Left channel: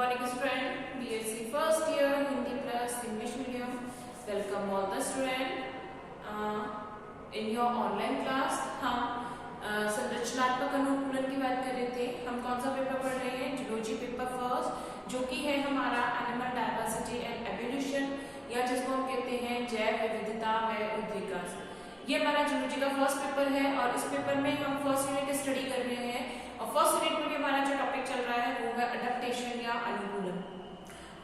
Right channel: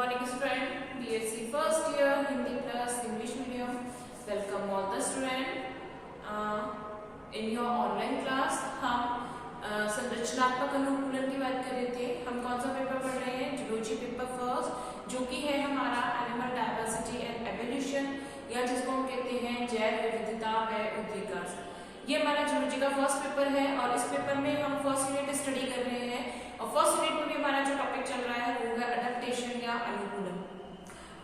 morning student, BSc first year Hindi plus English medium. Welcome all the student in your online class. हम संरचनात्मक अनुकूलन की बात कर रहे थे. हम कौन सा पेपर पढ़ रहे हैं? जूलॉजी पेपर फर्स्ट, जो कि है हमारा एनिमल डायवर्सिटी एंड एवोल्यूशन, या जिसको हम कहते हैं जैव विविधता व उद्विकास. ये हमारा जूलॉजी का फर्स्ट पेपर है और इस पेपर में हम फर्स्ट यूनिट स्टडी कर रहे हैं. और फर्स्ट यूनिट में भी हमारा जो टॉपिक चल रहा है वो है अडेप्टेशन या अनुकूलन.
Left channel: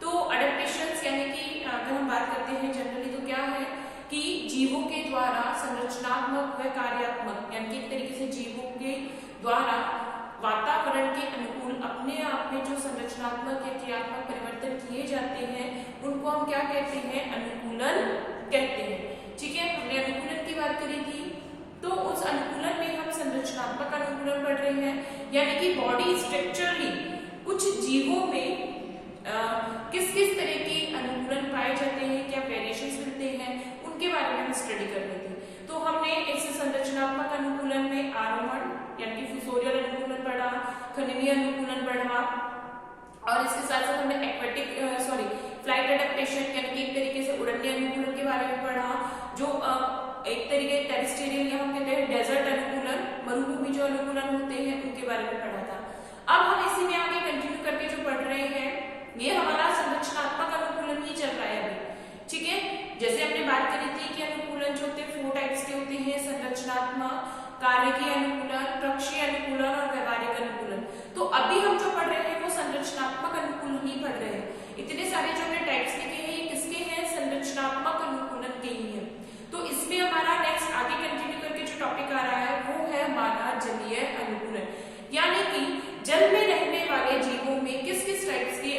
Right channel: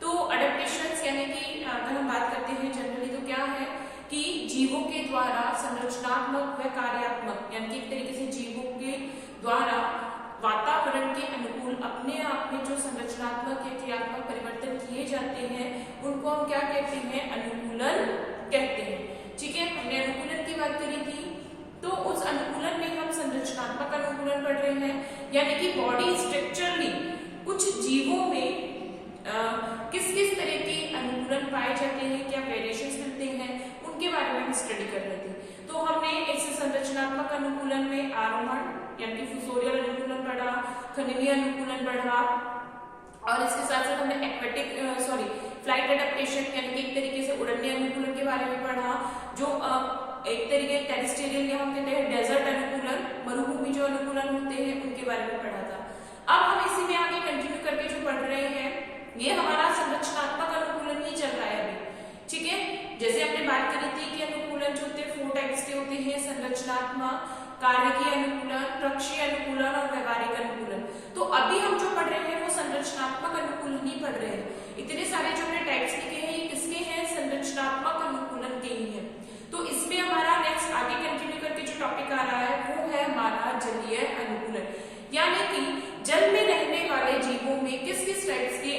तो अडेप्टेशन यानी कि अगर हम बात करते हैं जनरली तो क्या है कि जीवों के द्वारा संरचनात्मक व कार्यात्मक, यानी कि एक तरीके से जीवों के द्वारा वातावरण के अनुकूल अपने आप में जो संरचनात्मक या क्रियात्मक परिवर्तन किए जाते हैं उनको हम क्या कहते हैं? अनुकूलन कहते हैं. ठीक है, हमने अनुकूलन की बात करी थी. तो उस अनुकूलन में हम संरचनात्मक अनुकूलन पढ़ रहे हैं, यानी कि बॉडी स्ट्रक्चरली कुछ जीवों में किस किस तरह के अनुकूलन पाए जाते हैं, क्या वेरिएशंस मिलते हैं, उनके बारे में हम स्टडी कर रहे थे. तो हमने इस संरचनात्मक अनुकूलन में आरोहण यानी कि फुसोरियल अनुकूलन पढ़ा, खनिवीय अनुकूलन पढ़ा, और इसके साथ साथ हमने फ्लाइट अडेप्टेशन यानी कि एक तरीके से उड़ने अनुकूलन के बारे में पढ़ा, जो एक तरीके टेरेस्ट्रियल या हम कहते हैं डेजर्ट अनुकूलन, मरुभूमि जो अनुकूलन होते हैं उनके बारे में पढ़ा था. अब हम इसी में आगे कंटिन्यू करके जो पढ़ रहे हैं ये हमारा संरचनात्मक अनुकूलन ही चल रहा है अभी. ठीक है, जैसे हमने बात करी थी कि अनुकूलन जो होते हैं 4 टाइप्स के होते हैं: संरचनात्मक, कार्यकीय अनुकूलन, प्रक्षीय अनुकूलन और व्यवहारिक अनुकूलन. तो अभी हम जो पढ़ रहे हैं वो संरचनात्मक अनुकूलन ही पढ़ रहे हैं. इतने सारे जो हमने टाइप्स लिखे हैं ये किसके हैं? संरचनात्मक अनुकूलन के ही हैं. तो इसमें हमारा नेक्स्ट आगे कंटिन्यू करके जो टॉपिक आ रहा है वो है हमारा जलीय अनुकूलन, यानी कि जल में रहने वाले जीवों में किस किस टाइप्स के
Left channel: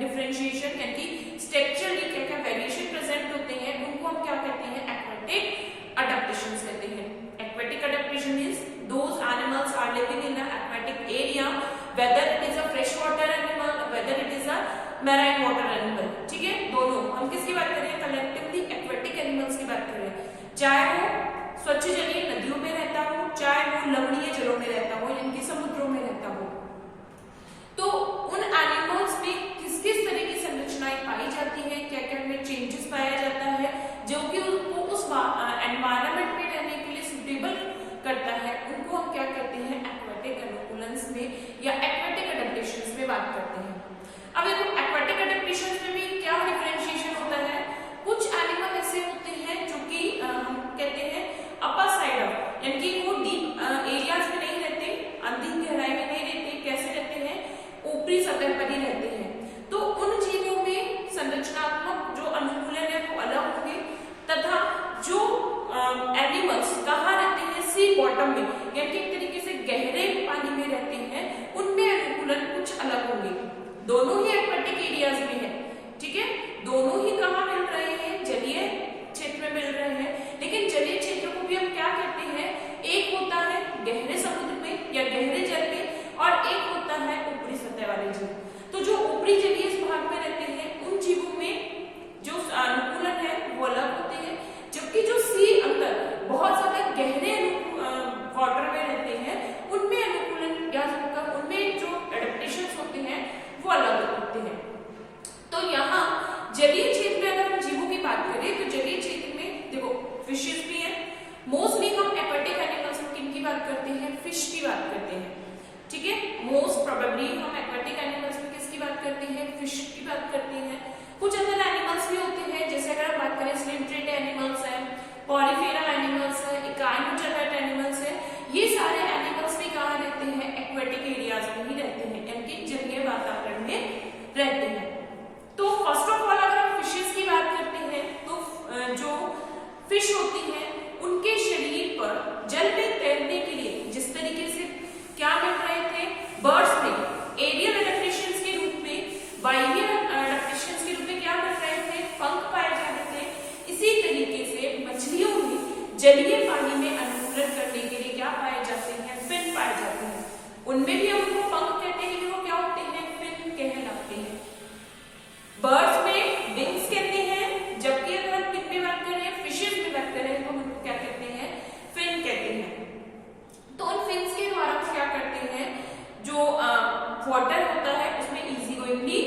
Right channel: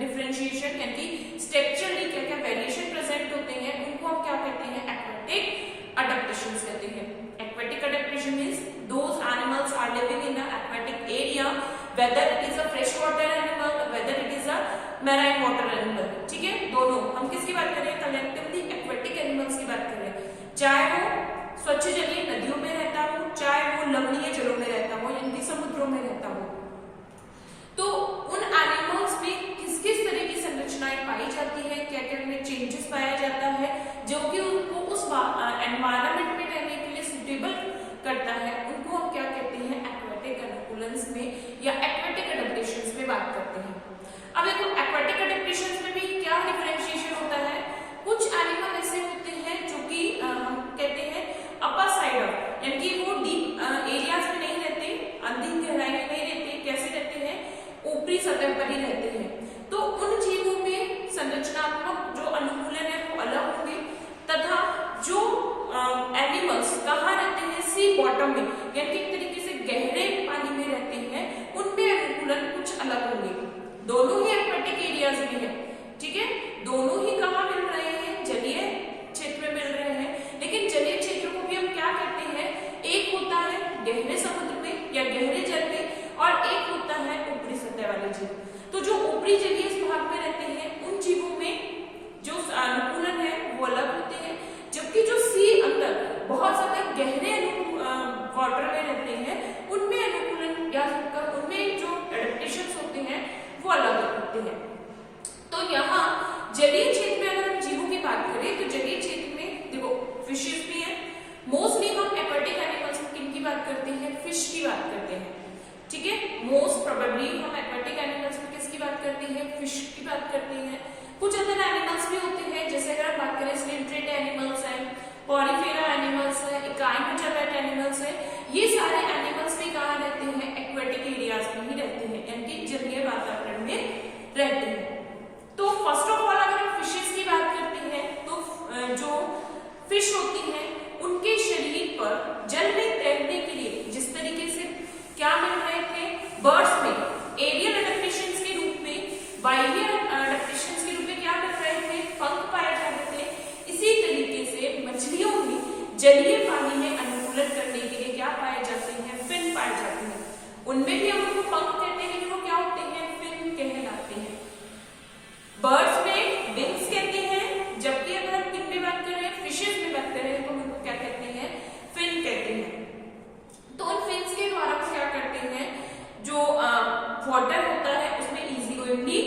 डिफरेंशिएशन यानी कि स्ट्रक्चरली क्या क्या वेरिएशन प्रेजेंट होते हैं उनको हम क्या कहते हैं? एक्वेटिक अडेप्टेशंस कहते हैं. Aquatic adaptation means those animals are living in an aquatic area, whether it is a freshwater animal, whether it is a marine water animal. ठीक है, दोनों हम किसकी बात कर रहे हैं? कलेक्टिवली एक्वेटिक एनिमल्स की बात कर रहे हैं. चाहे वो स्वच्छ जलीय नदियों में रहता हो, चाहे वो लवणीय जलों में रहता हो यानी कि समुद्रों में रहता हो. तो उन एनिमल्स में किस किस तरह की संरचनाएं पाई जाती है, क्या क्या उनमें चेंजेस पाया जाता है जो कि उनको उस एनवायरनमेंट में रहने के लिए सुटेबल करता है, उनको हम क्या कहते हैं? एक्वेटिक अनुकूलन्स में या एक्वेटिक अडेप्टेशंस में बात करते हैं. अब देखो एक्वेटिक अडेप्टेशंस में भी क्या डिफरेंशिएशन होता है. कुछ एनिमल ऐसे होते हैं जो कि हम कहते हैं अपर साइड ऑफ, यानी कि वो डीप एरियाज में नहीं रहते, अंधी गहराई में नहीं रहते. कैसे रहते हैं? ऊपरी सतह पर ही रहते हैं. तो उन जीवों में संरचनात्मक जो अनुकूलन है वो अलग होंगे, तथा जो एनिमल्स कहाँ रहते हैं? सी बॉटम में, यानी कि एक तरीके से गहरे पानी में रहते हैं, उनमें अनुकूलन कुछ अलग होंगे. दोनों ही एक्वेटिक एरियाज में है. ठीक है, दोनों ही कहाँ मिल रहे हैं? जलीय क्षेत्र में मिल रहे हैं. लेकिन जलीय क्षेत्र को भी हम क्या कहते हैं? एक होता है गहरे समुद्र में या गहरे जल में, और एक होता है ऊपरी सतह वाले जीव. तो जो ऊपरी जलीय भाग में रहते हैं उन जीवों में जो अनुकूलन है वो अलग होते हैं, जबकि जो सी अंदर बहुत ज्यादा गहरे वाटर में रहते हैं उनमें अनुकूलन या उनमें जो एडेप्टेशंस होते हैं वो अलग होते हैं. तो यहाँ जलीय क्षेत्र में अगर हम जीवों की बात करें तो जलीय क्षेत्र में देखो फिशेस भी हैं. मोस्टली हम एक्वेटिक एनिमल्स में किनकी बात करते हैं? फिश की बात करते हैं. ठीक है, मोस्ट प्रोबेबली हम एक्वेटिक एनिमल्स में किसकी बात करते हैं? फिश की बात करते हैं. कुछ अदर एनिमल्स भी होते हैं, जैसे अगर हम बात करें स्लिमट्रेट एनिमल्स हैं, पॉलीफेरा एनिमल्स है, इकाइनोचेरेट एनिमल्स है. ये सारे एनिमल्स भी कहाँ रहते हैं? एक्वेटिक एरियाज में ही रहते हैं, यानी कि जलीय वातावरण में रहते हैं. तो फर्स्ट ऑफ ऑल अगर हम फिशेस की बात करते हैं तो जो फिश होती है उनके शरीर पर जल में तैरने के लिए जिस तरीके से क्या मिल रहे थे? बर्ड्स में एरियल अडेप्टेशंस के रूप में, बाह्य अडेप्टेशंस के रूप में क्या मिल रहे थे? पंख पाए जा रहे थे. इसी तरीके से मछलियों में जलीय पानी में अनुकूलन करने के लिए क्या पाए जाते हैं? फिन पाए जाते हैं. उनमें भी हम उनको पंख कहते हैं लेकिन वो क्या होते हैं? फिन कहलाते हैं. बर्ड्स में विंग्स कहते हैं, जबकि अगर हम किन में बात करें? फिशेस में बात करें तो उनको क्या कहते हैं? फिन कहते हैं. तो उन फिन्स के द्वारा क्या करते हैं? जो वाटर होता है उसमें इजी गोइंगली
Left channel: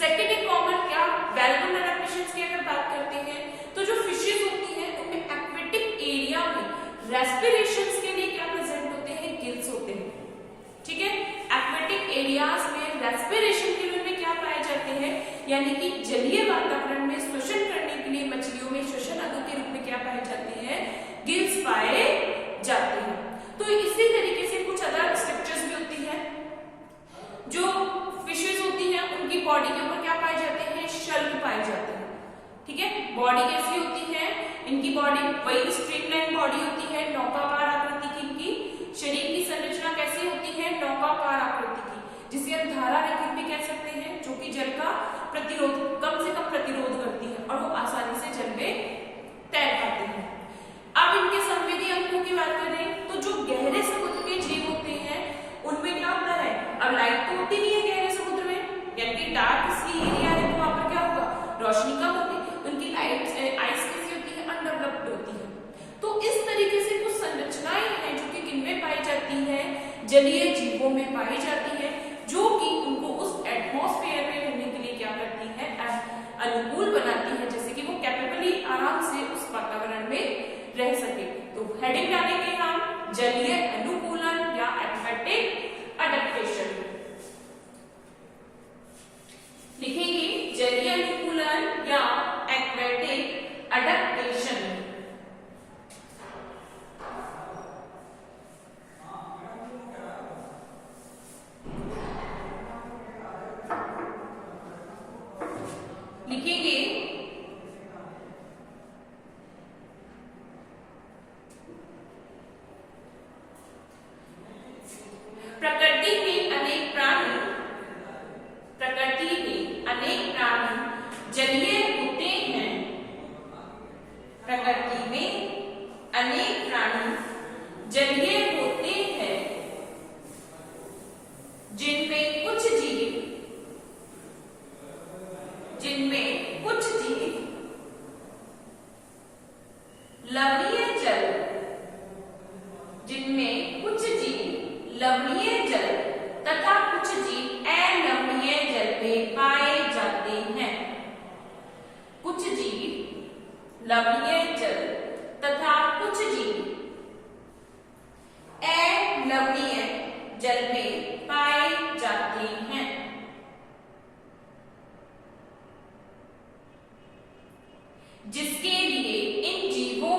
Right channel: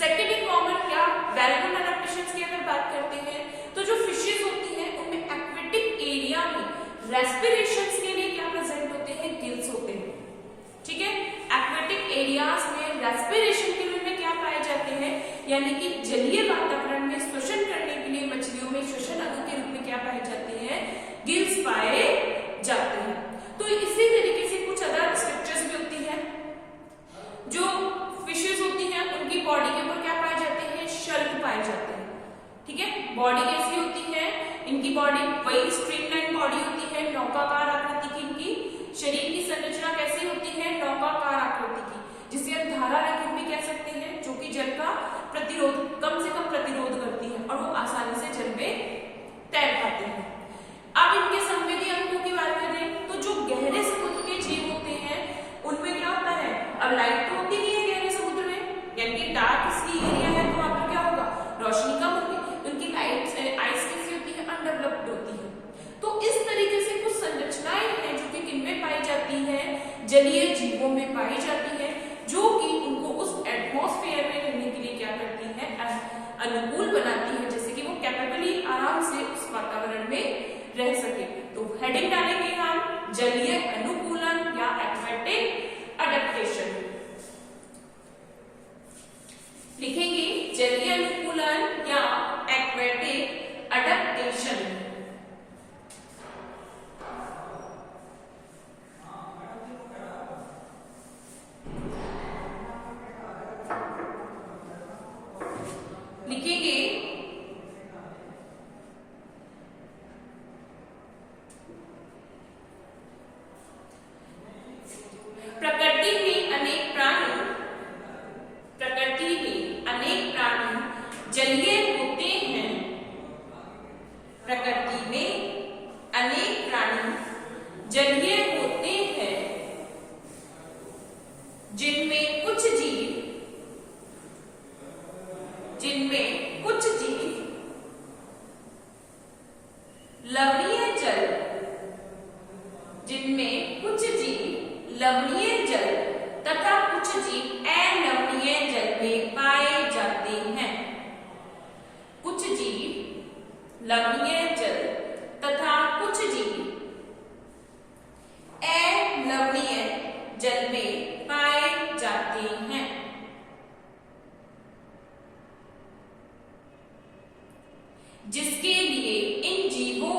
सेकेंड है कॉमन क्या वेल नोन अडेप्टेशंस की अगर बात करते हैं तो जो फिशेज होती हैं उनमें एक्वेटिक एरिया में रेस्पिरेशंस के लिए क्या प्रेजेंट होते हैं, गिल्स होते हैं। ठीक है, एक्वेटिक एरियाज में रेस्पिरेशन के लिए उनमें क्या पाए जाते हैं, यानी कि जलीय वातावरण में श्वसन करने के लिए मछलियों में श्वसन अंग के रूप में क्या पाए जाते हैं, गिल्स पाए जाते हैं। तो इसी तरीके से कुछ अदर स्ट्रक्चर्स भी होती है। जो फिशेज होती हैं उनकी बॉडी के ऊपर क्या पाए जाते हैं, शल्क पाए जाते हैं। ठीक है, बॉडी कैसी होती है, इनकी बॉडी वही स्ट्रीमलाइन बॉडी होती है, नौकाकार आकृति की। इनकी शरीर की संरचना कैसी होती है, नौकाकार आकृति की, जिसे हम धारा रहित भी कह सकते हैं, जो कि जल का प्रतिरोध कम से कम प्रतिरोध करती है और वो आसानी से जल में तैर पाते हैं। अब इनके संवेदी अंगों की बात करें तो जो गहरे समुद्र के जीव होते हैं उनमें क्या होता है, अब लाइट तो होती नहीं है गहरे समुद्र में, यानी कि डार्क सी एरिया है तो वहां पर क्या होगा, रोशनी कम होगी, तो उनकी लाइट आइस कैसी होती है, अनडेवलप्ड होती है। तो इस तरीके से कुछ संरचनाएं हैं जो कि किनमें पाई जाती हैं, जलीय जीवों में पाई जाती है, जो कि उनको उस एटमॉस्फेयर में रहने के लिए क्या करती है, अनुकूल बनाती है, जैसे कि वो कैपेबली आराम से उस वातावरण में रह सके। तो हेडिंग डालेंगे हम जलीय अनुकूलन या एक्वेटिक अडेप्टेशन, लिखेंगे जलीय अनुकूलन या एक्वेटिक अडेप्टेशन। लिखेंगे प्रकृति में अनेक प्राणी जलीय होते हैं। प्रकृति में अनेक प्राणी जलीय होते हैं, जिनमें कुछ जीव लवणीय जल, जिनमें कुछ जीव लवणीय जल तथा कुछ जीव अलवणीय जल में पाए जाते हैं। कुछ जीव लवणीय जल तथा कुछ जीव अलवणीय जल में पाए जाते हैं। जिसके लिए इन जीवों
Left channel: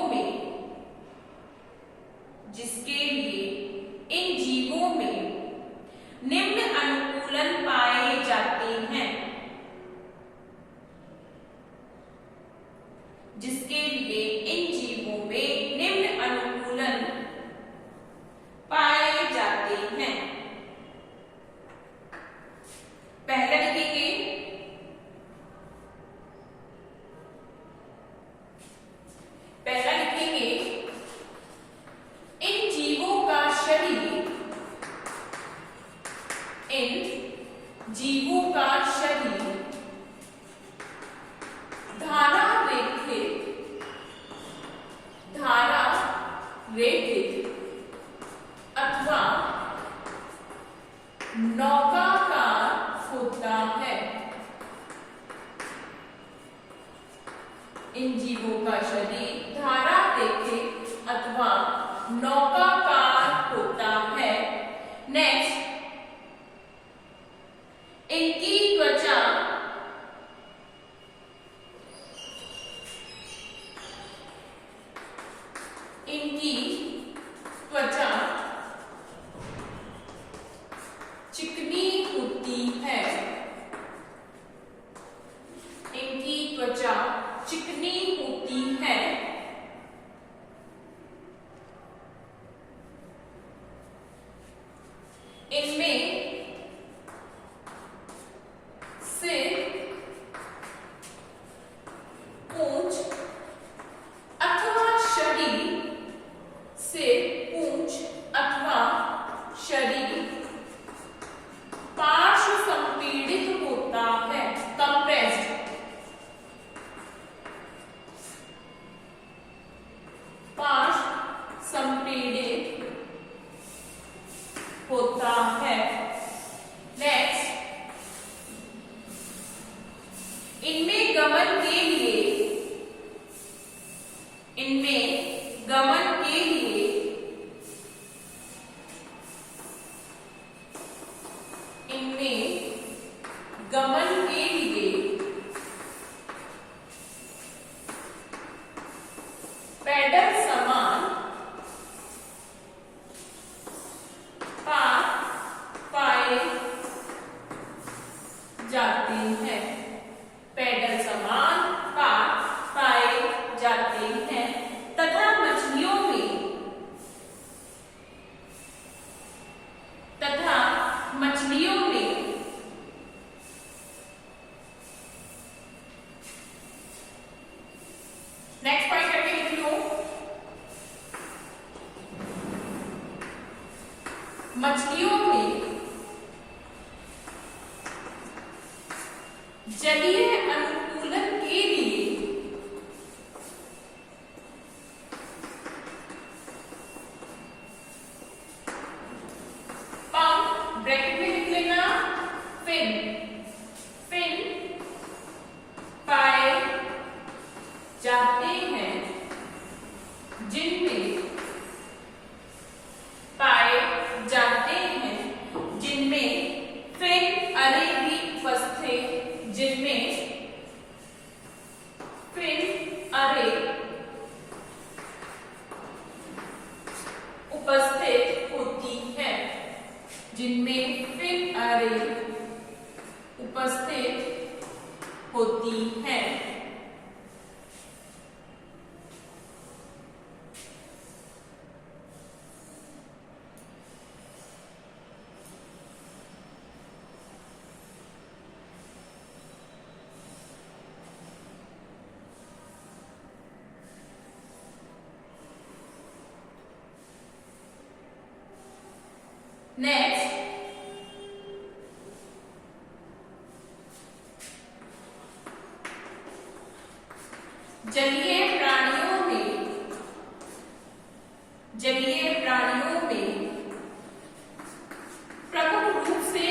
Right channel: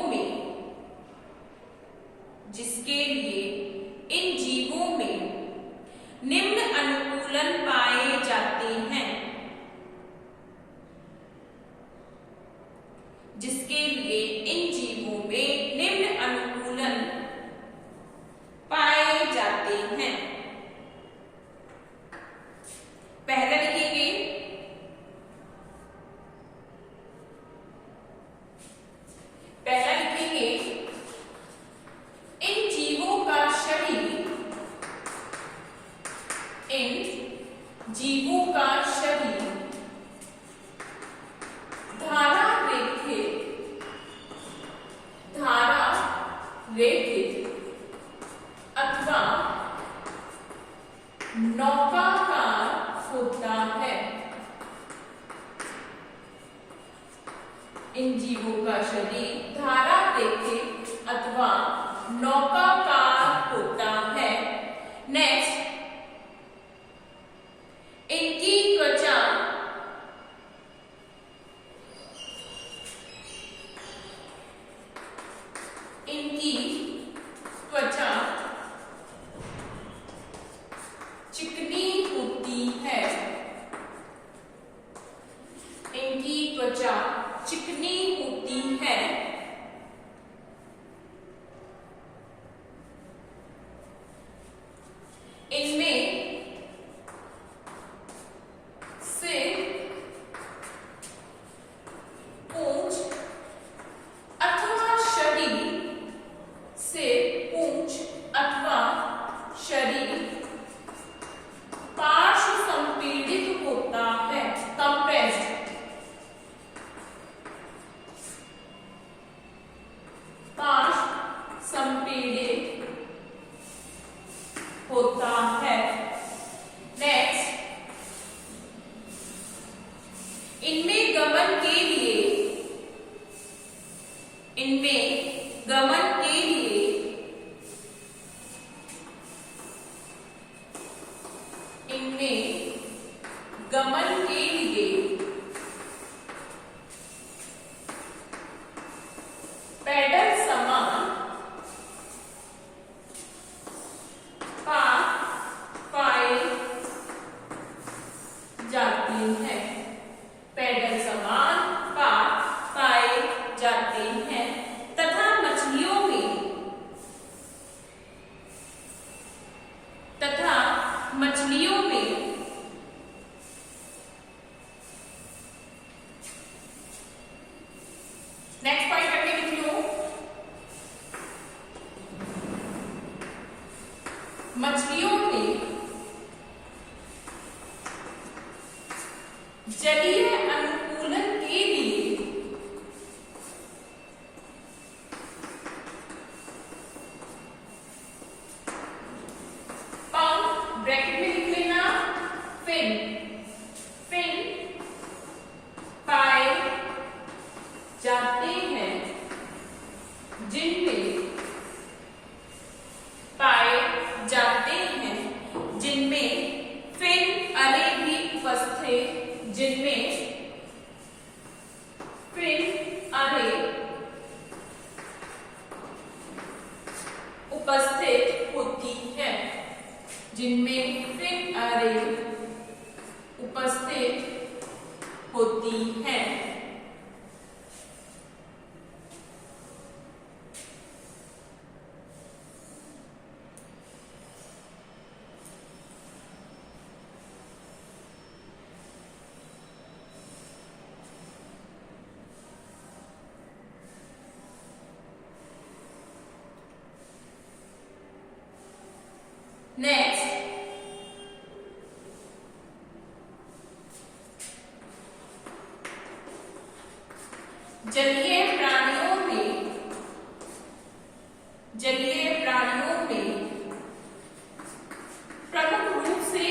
में निम्न अनुकूलन पाए जाते हैं। जिसके लिए इन जीवों में निम्न अनुकूलन पाए जाते हैं। पहला लिखेंगे इन जीवों का शरीर धारा रेखित अथवा नौकाकार होता है। इन जीवों का शरीर धारा रेखित अथवा नौकाकार होता है। नेक्स्ट, इनकी त्वचा चिकनी होती है। इनकी त्वचा चिकनी होती है। इनमें सिर, पूंछ अथवा शरीर, पार्श्व संपीड़ित होता है, कंप्रेस्ड। पार्श्व संपीड़ित होता है। नेक्स्ट, इनमें गमन के लिए पैडल समान पाथ पाए जाते हैं। पैडल समान पाथ पाए जाते हैं तथा मछलियों में नेक्स्ट पॉइंट करके लिख लो। मछलियों में जलीय अनुकूलन के लिए पंख ब्रैकेट में लिख लेना, फिन पाए जाते हैं जिनमें फिन अरे भी उपस्थित होती है। जिनमें फिन अरे उपस्थित होती है। नेक्स्ट, जलीय प्राणियों में प्रमुख रूप से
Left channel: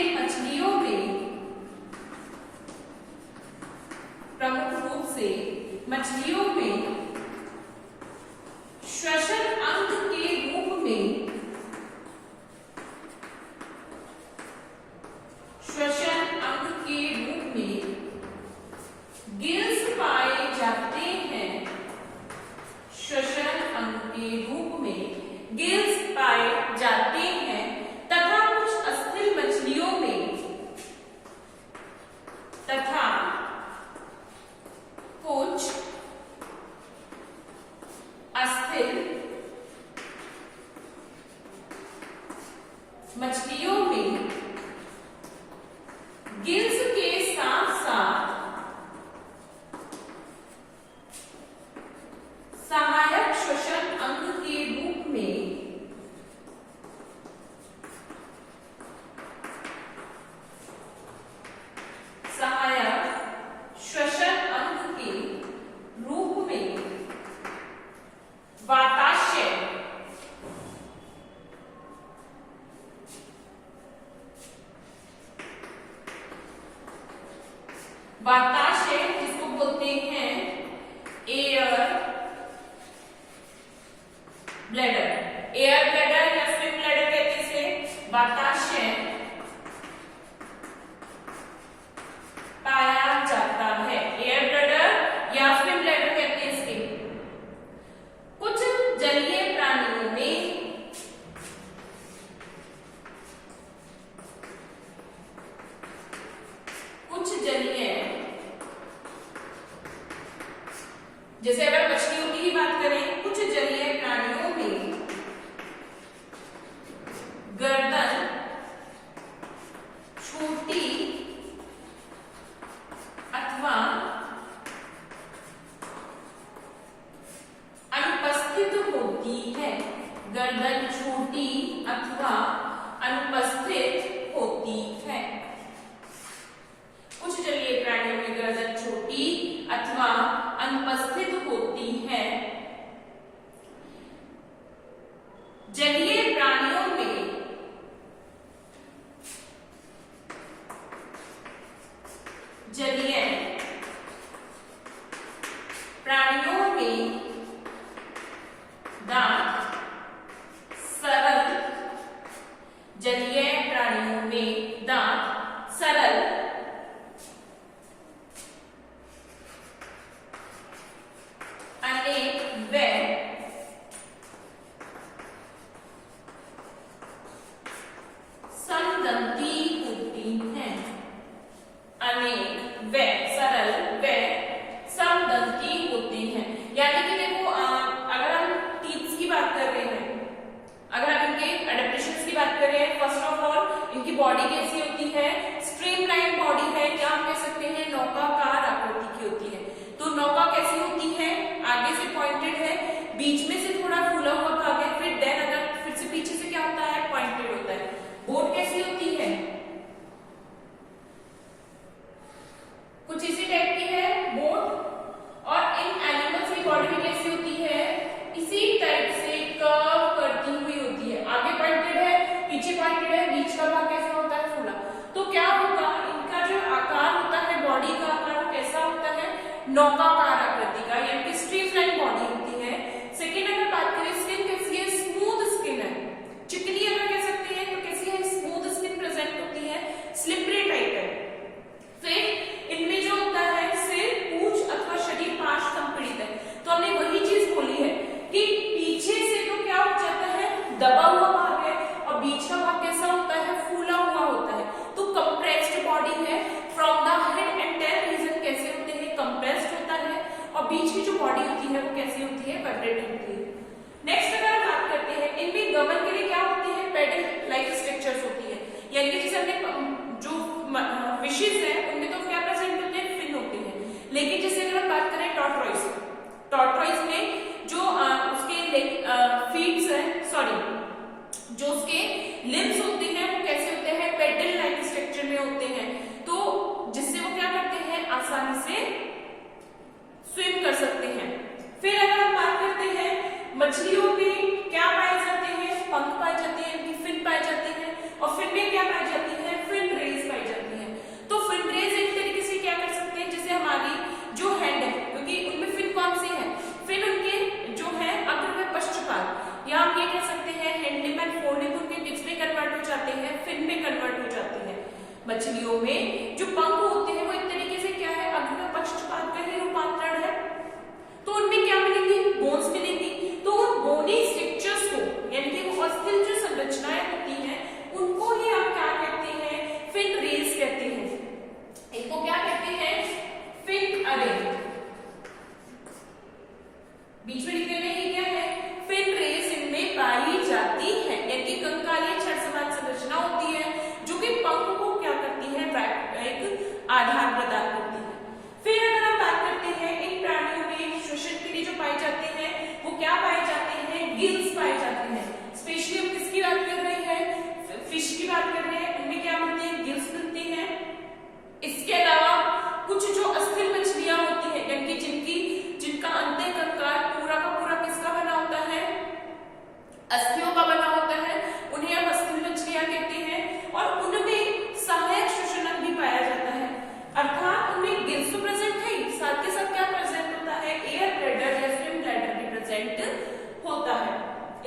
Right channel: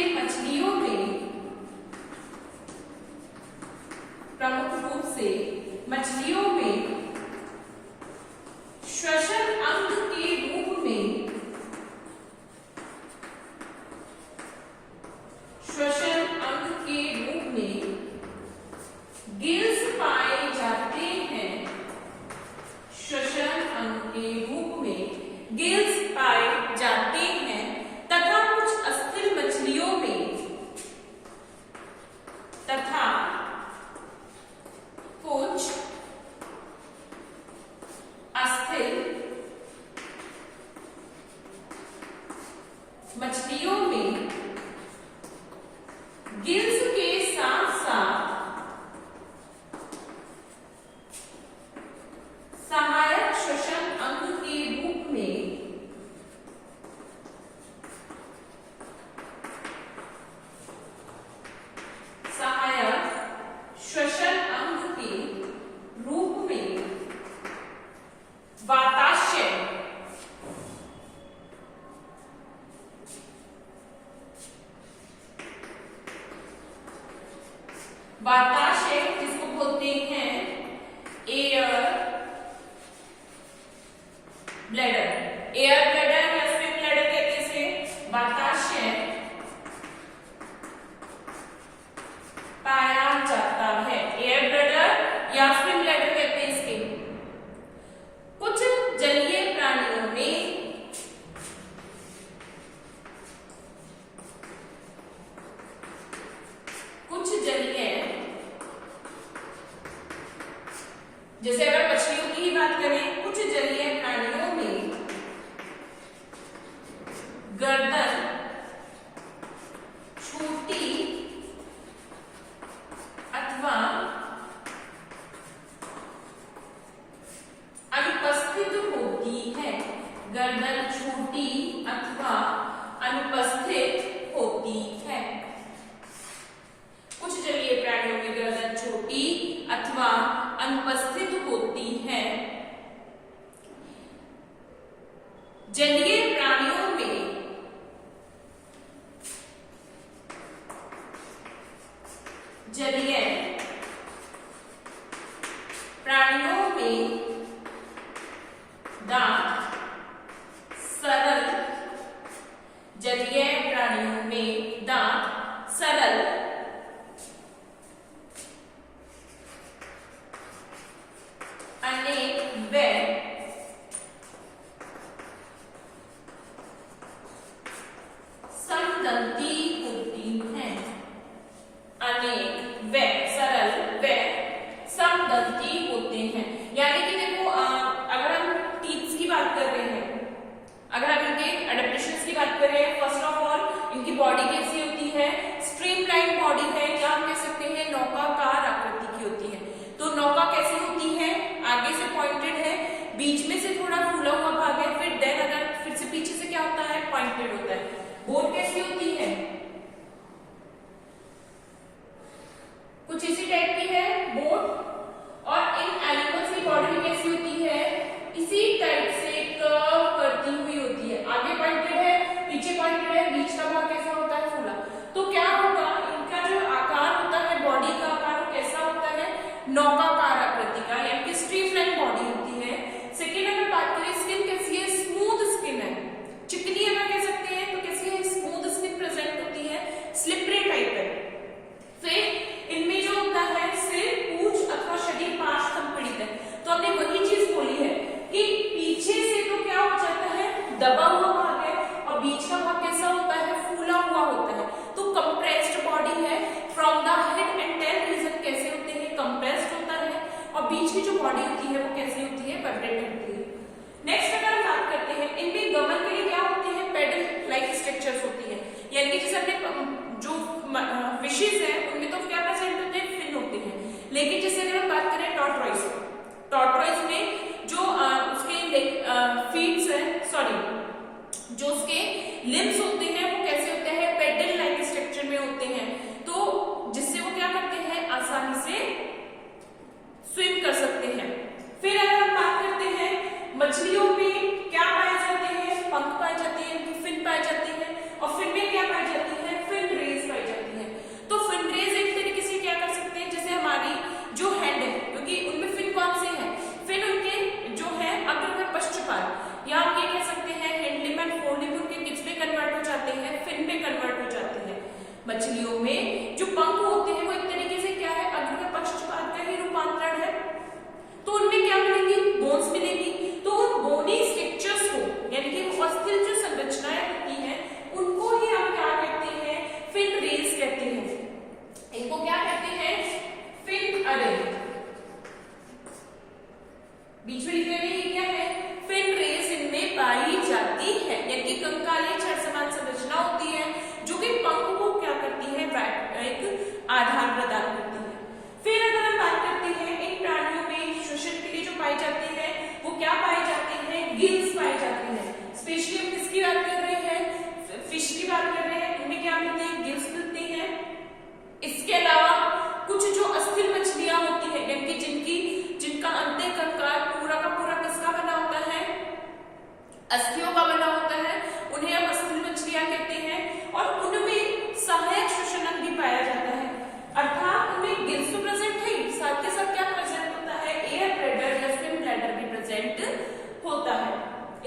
मछलियों में श्वसन अंग के रूप में गिल्स पाए जाते हैं। श्वसन अंग के रूप में गिल्स पाए जाते हैं तथा कुछ अस्थिर मछलियों में गिल्स के साथ साथ सहायक श्वसन अंग के रूप में वाताशय जिसको बोलते हैं एयर ब्लैडर या स्विम ब्लैडर कहते हैं इसे। वाताशय पाया जाता है, एयर ब्लैडर या स्विम ब्लैडर कहते हैं इसके। कुछ जलीय प्राणियों में जैसे अगर मछलियों की ही बात करें, कुछ जलीय प्राणियों में गर्दन छोटी अथवा अनुपस्थित होती है। गर्दन छोटी अथवा अनुपस्थित होती है। कुछ जलीय प्राणियों में गर्दन छोटी अथवा अनुपस्थित होती है। जलीय प्राणियों में प्राणियों में दांत सरल, जलीय प्राणियों में दांत सरल, अनेक व समदंती होती हैं। अनेक व सरल व समदंती होते हैं। यानी कि देखो अगर हम टीथ्स की बात कर रहे हैं, अगर हम इनके एडेप्टेशंस की बात कर रहे हैं, फर्स्ट ऑफ ऑल इनकी बॉडी कैसी होती है, स्ट्रीमलाइन बॉडी है, या हम कह सकते हैं नौकाकार आकृति की होती है। तो नौका कैसी होती है, आगे से पॉइंटेड है, बीच में से थोड़ा फूला हुआ भाग है, फिर देन अगर फिर से पीछे से क्या होता है, पॉइंटेड होता है। बोट कैसी होती है, कुछ इसी टाइप की है बोट। और इन एनिमल्स की बॉडी भी कैसी होती है, इसी टाइप से कर्व करती हुई होती है। आगे पॉइंटेड है, पीछे पॉइंटेड है, बीच का भाग कैसा होता है, फूला। तो क्या होगा, इनका जो आकार होता है, बॉडी का आकार वो कैसा होता है, नौकाकार आकृति का, यानी कि स्ट्रीमलाइन बॉडी होती है। सेकेंड अगर बात करें, स्किन कैसी है, स्मूथ स्किन है, चिकनी अगर कह सकते हैं तो कैसी है, स्मूथ स्किन प्रेजेंट होती है, स्लिपरी टाइप है। फिर इनमें जो होता है सिर, पूंछ अथवा शरीर पांच संपीड़ित है। तो हमने वही चीज बोली है कि पीछे से तो क्या हो जाता है, दबा हुआ भाग है, और बीच का भाग कैसा होता है, फूला हुआ होता है। तो कंप्रेस्ड बॉडी है। From the head and tail region कैसे होते हैं, कंप्रेस्ड होता है, और बीच की जो बॉडी होती है वो कैसी होती है, वाइब्रेट होती है। नेक्स्ट अगर हम बात करते हैं, इनमें गमन के लिए क्या होते हैं, पेडल लाइक स्ट्रक्चर्स होती है। यानी कि जैसे हमने जो फिशेस है उनमें तो क्या प्रेजेंट होते हैं, फिन होते हैं। लेकिन जैसे अगर हम बात करें टॉर्टोइज, टॉर्टोइज में जो उसके फीट्स है, सॉरी जो उसके लिम्स होते हैं वो कैसे होते हैं, पेडल लाइक स्ट्रक्चर में होते हैं। तो जिससे वो क्या करते हैं, आसानी से स्विम कर सकते हैं। फिर अगर हम बात करते हैं, मछलियों में क्या पाए जाते हैं, पंख पाए जाते हैं, इनकी फिन पाई जाती है, और फिन में क्या पाई जाती है, फिन रेज पाई जाती है। तो फिन रेज एक तरीके से क्या कर सकते हैं, जैसे हमारी जो हैंड है, क्योंकि उनमें फिन कौन सी है, फिन उनके जो है अग्र में पश्चपाल, या हम ये कह सकते हैं hand limb and four limb उनके किसमें कन्वर्ट हो जाते हैं, फिन में कन्वर्ट हो जाते हैं। मछलियों में जो पंख होते हैं वो एक तरीके से क्या है, अग्र में पश्चपाल का ही रूपांतरण है। तो उनमें क्या मिलेगी, बोन्स मिलेगी। तो उन बोनी स्ट्रक्चर्स को, यानी कि वो अस्थिल जो संरचनाएं होती हैं उनको ही हम क्या कहते हैं, फिन रेज कहते हैं। इनको क्या कहते हैं, फिन अरे। बीच में लिखने में ये क्या है, फिन रेज इनमें पाई जाती है, यानी कि कंकालीय छड़ समान संरचना होती है जो कि पंख को क्या करती है, एक आधार प्रदान करती है। फिर अगर हम बात करते हैं, इन प्राणियों में श्वसन के लिए जो पाए जाते हैं वो क्या पाए जाते हैं, गिल्स पाए जाते हैं। स्पेशली हम किसकी बात कर रहे हैं, फिश की बात कर रहे हैं, उनमें क्या मिलते हैं, गिल्स मिलते हैं। इसके अलावा कुछ जो अस्थिल मछलियां होती है, यानी कि जिनका अंत्य कंकाल पूरा का पूरा किसका बना होता है, अस्थियों का बना होता है, उन्हें हम अस्थिल मछलियां कहते हैं। और उनमें सहायक श्वसन भी पाया जाता है, अर्थात उनमें गिल्स तो प्रेजेंट है, साथ के साथ क्या प्रेजेंट होता है, एयर ब्लैडर या स्विम ब्लैडर भी प्रेजेंट होता है।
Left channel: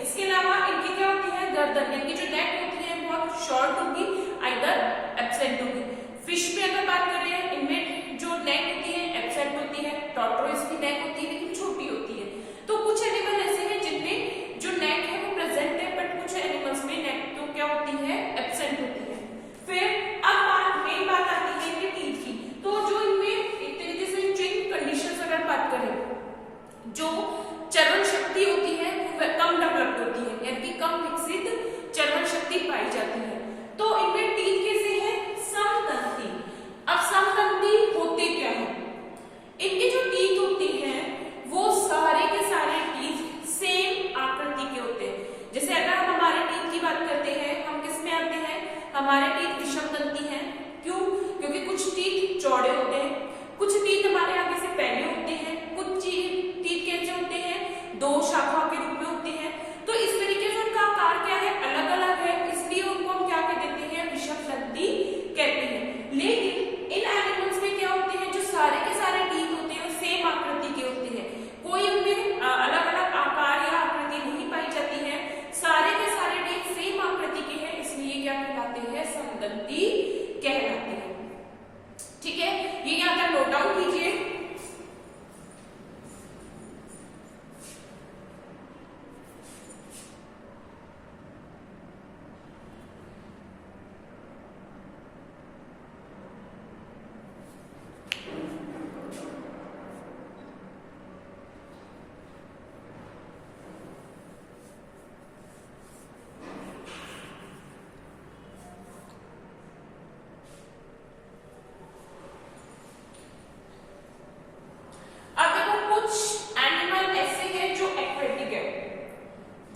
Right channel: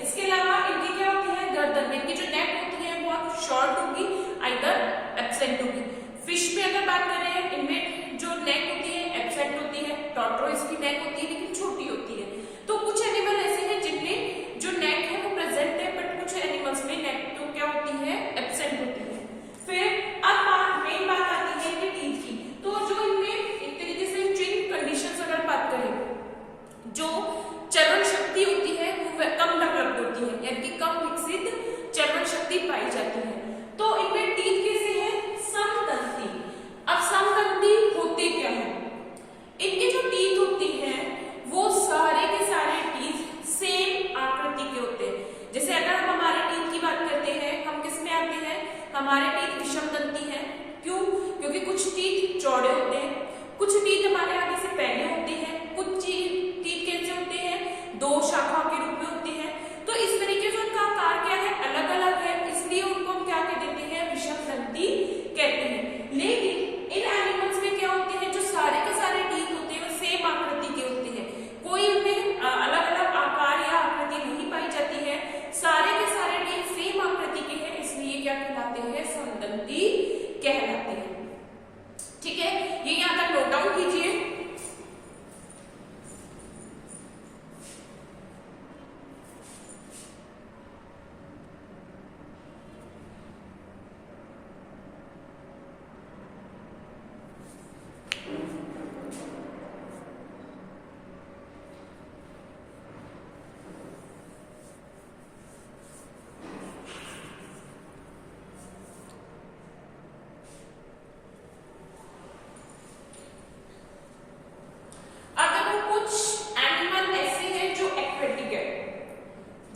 इसके अलावा इनकी क्या होती है, गर्दन, इनकी जो नेक होती है बहुत शॉर्ट होगी, आइदर एब्सेंट होगी। फिश में अगर बात करें, इनमें जो नेक होती है एब्सेंट होती है, टॉर्टोइज की नेक होती है लेकिन छोटी होती है। तो कुछ एनिमल ऐसे हैं जिनमें जो नेक है वो प्रेजेंट है, बट कुछ एनिमल्स में नेक तो क्या होती है, एब्सेंट होती है। फिर अब मेन बात आती है कि टीथ की। तो जो इनमें एक तरीके से ट्रेन कंडीशंस अगर बात करें, जो चर्वण शक्ति होती है वो कम डेवलप्ड होती है, यानी कि कम विकसित चर्वण शक्ति पाई जाती है। तो इनमें टीथ कैसे है, समदंती। अब समदंती होते क्या है, इनके जो टीथ होती हैं वो सारे के सारे टीथ सेम आकृति के होते हैं। जैसे अगर हम हमारे टीथ की बात करते हैं, हम किस में आते हैं, हमारे टीथ विषमदंती हैं। क्यों, क्योंकि कुछ टीथ चौड़े होते हैं, कुछ टीथ हमारे आगे से पहले होते हैं, कुछ टीथ कैसे होते हैं, दो शाखाओं के रूप में होते हैं। तो इस तरीके से उनका आकार क्या है, अलग अलग है, इसलिए उनको हम क्या कह देते हैं, डाउन कीजिए।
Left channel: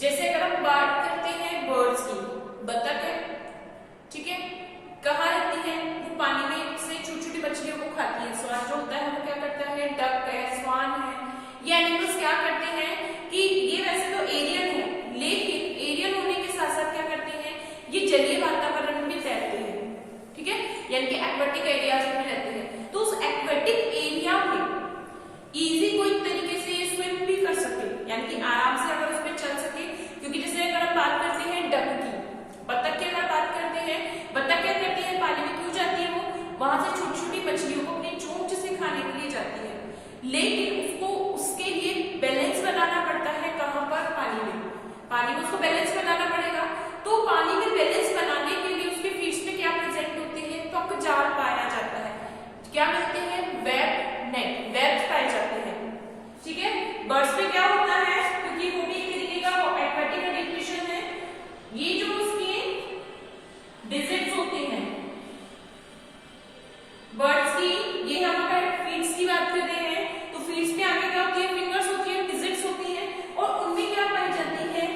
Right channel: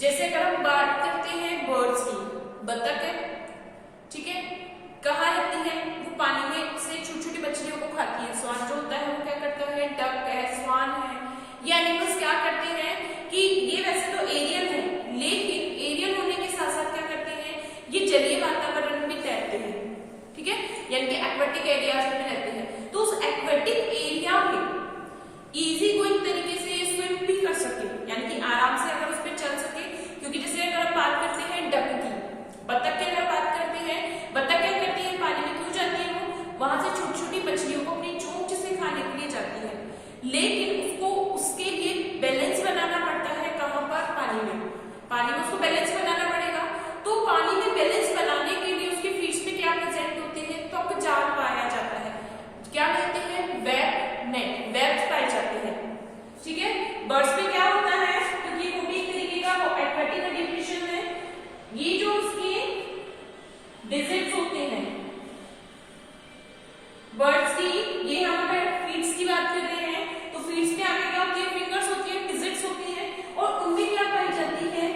जैसे अगर हम बात करते हैं बर्ड्स की, बतख है, ठीक है, कहाँ रहती है? वो पानी में से छोटी छोटी मछलियों को खाती है। स्वान जो होता है वो क्या करता है? डक है, स्वान है, ये एनिमल्स क्या करते हैं कि ये वैसे तो एरियल है, लेकिन एरियल होने के साथ साथ क्या करते हैं, ये जलीय वातावरण में तैरते हैं, ठीक है, यानी कि एक्वेटिक एरियाज में रहते हैं। तो उस एक्वेटिक एरिया में इजी गोइंग तरीके से ये स्विम भी कर सके, यानी कि आराम से अगर उस पर चल सके। क्योंकि जैसे अगर हम बात करते हैं डक की, बतख की अगर बात करते हैं, बतख क्या करती है? पानी में क्यों जाती है? वो वहां से छोटी छोटी मछलियों को अपनी चोंच से खाने के लिए जाती है, लेकिन उसको उसके लिए बैलेंस बनाना पड़ता है। कहां पर? पानी में। पानी में उसको बैलेंस बनाना पड़ेगा। तो पानी में बैलेंस बनाने के लिए उसके फीस में क्या प्रेजेंट होते हैं? त्वक जाल पाया जाता है। क्या कहते हैं? वेब नेट, वेब्स पाए जाते हैं, ठीक है। बर्ड्स पे क्या होता है? क्योंकि वो भी एक तरीके का एक्वेटिक एडिप्टेशन है। ये जो उसके डिजिट्स होते हैं बर्ड्स की, ये हम अगर फीट्स की बात कर रहे हैं तो फीट्स में आगे क्या होती है? फिंगर्स होती है, डिजिट्स होती है, और उनमें क्या पाई जाती है?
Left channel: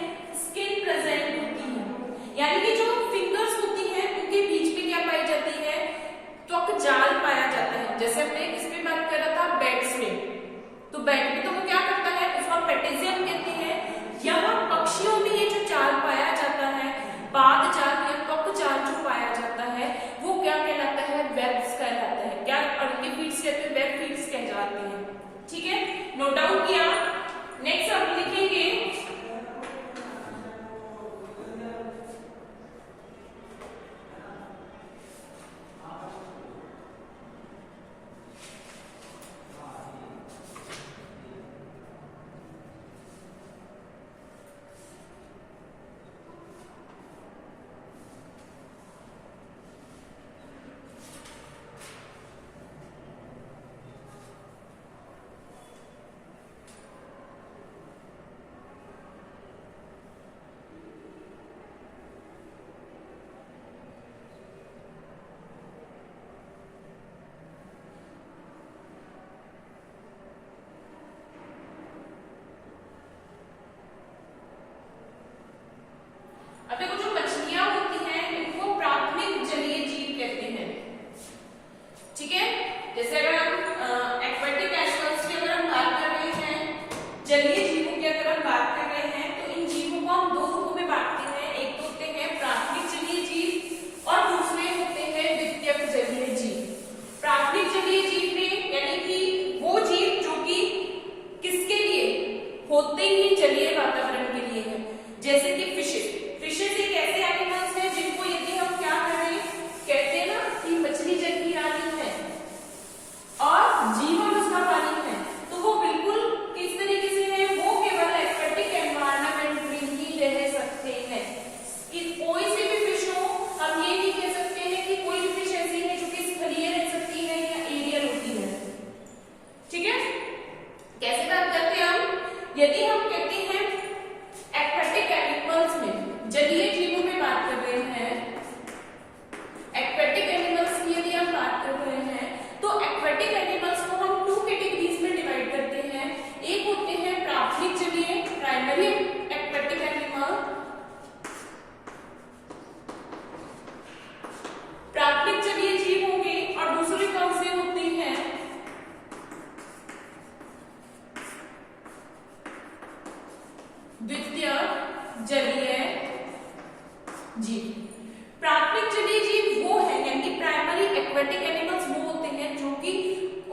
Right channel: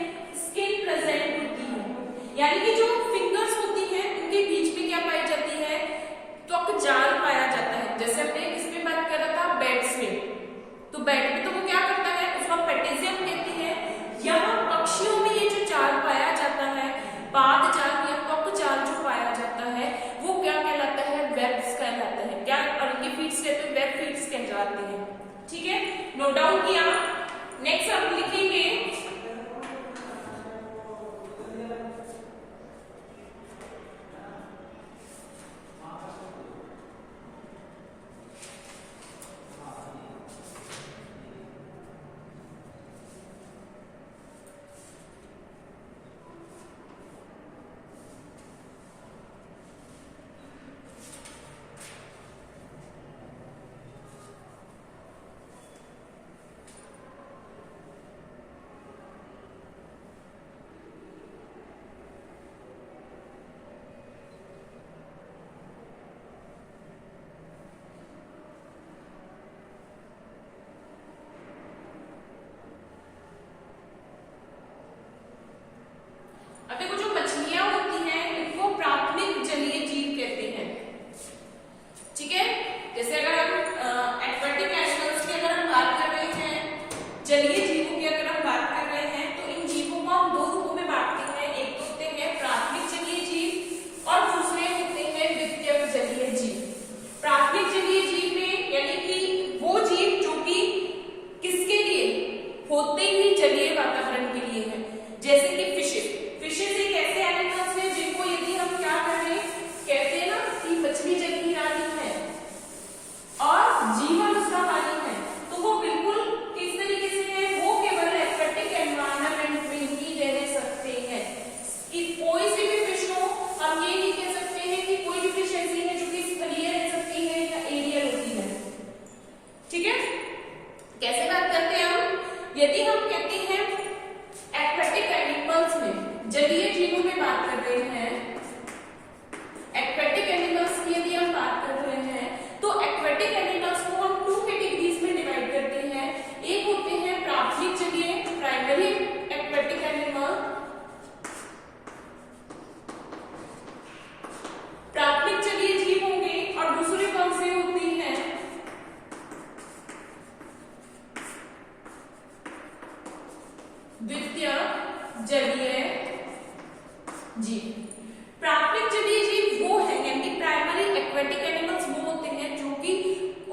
स्किन प्रेजेंट होती है। यानी कि जो फिंगर्स होती है उनके बीच में क्या पाई जाती है? त्वक जाल पाया जाता है। जैसे हमने इसमें बात कर रहा था बैट्स में, तो बैट में तो वो क्या करता है? उसका पेटेजियम कहते हैं। यहाँ पक्षियों में ये जो जाल पाया जाता है, पाद जाल या त्वक जाल जो पाया जाता है, वो क्या कहलाता है? वेब्स कहलाता है। क्या? और ये फीट्स कहते हैं, वेब फीट्स कह जाते हैं, ठीक है। नोट डाउन किया। नेक्स्ट हम लिखेंगे जलीय जीवों की अगर हम बात कर रहे हैं तो इन जीवों को हम दो रूपों में बांटते हैं। एक तो होते हैं प्राथमिक जलीय जीव और दूसरे होते हैं द्वितीयक जलीय जीव। प्राथमिक जलीय जीव में यानी कि वो जीव जो कि किसके लिए होते ही जलीय वातावरण के लिए है, जैसे कि फिशेस। फिशेस एक ऐसे एनिमल्स हैं जिनको यदि हम क्या करें, कहते हैं ना कि मछली जल की रानी है और जीवन उसका पानी है, तो वो बिल्कुल किस तरीके से है, वो केवल एक्वेटिक एनवायरनमेंट में ही रह सकते हैं। कि कोई सी भी फिश हो, हम ये नहीं कह सकते हैं कि कोई भी फिश ऐसी है जो कि स्थलीय रह सकती है या एरियल होती है। ठीक है, कैसे बात करते हैं हम, यदि हम कहते हैं एक्वेटिक एनिमल्स में, जलीय जीवों में बात कर रहे हैं, एक्वेटिक एनिमल्स की यदि हम बात कर रहे हैं तो एक्वेटिक एनिमल्स को हम टू कैटेगरीज में डिवाइड करते हैं। एक होते हैं प्राथमिक जलीय, प्राइमरी एक्वेटिक एनिमल, प्राथमिक जलीय जीव होंगे, और दूसरे कौन से होती हैं द्वितीय जलीय जीव। प्राथमिक जलीय जीव वो है यानी प्राइमरी एक्वेटिक एनिमल्स वो होते हैं जो कि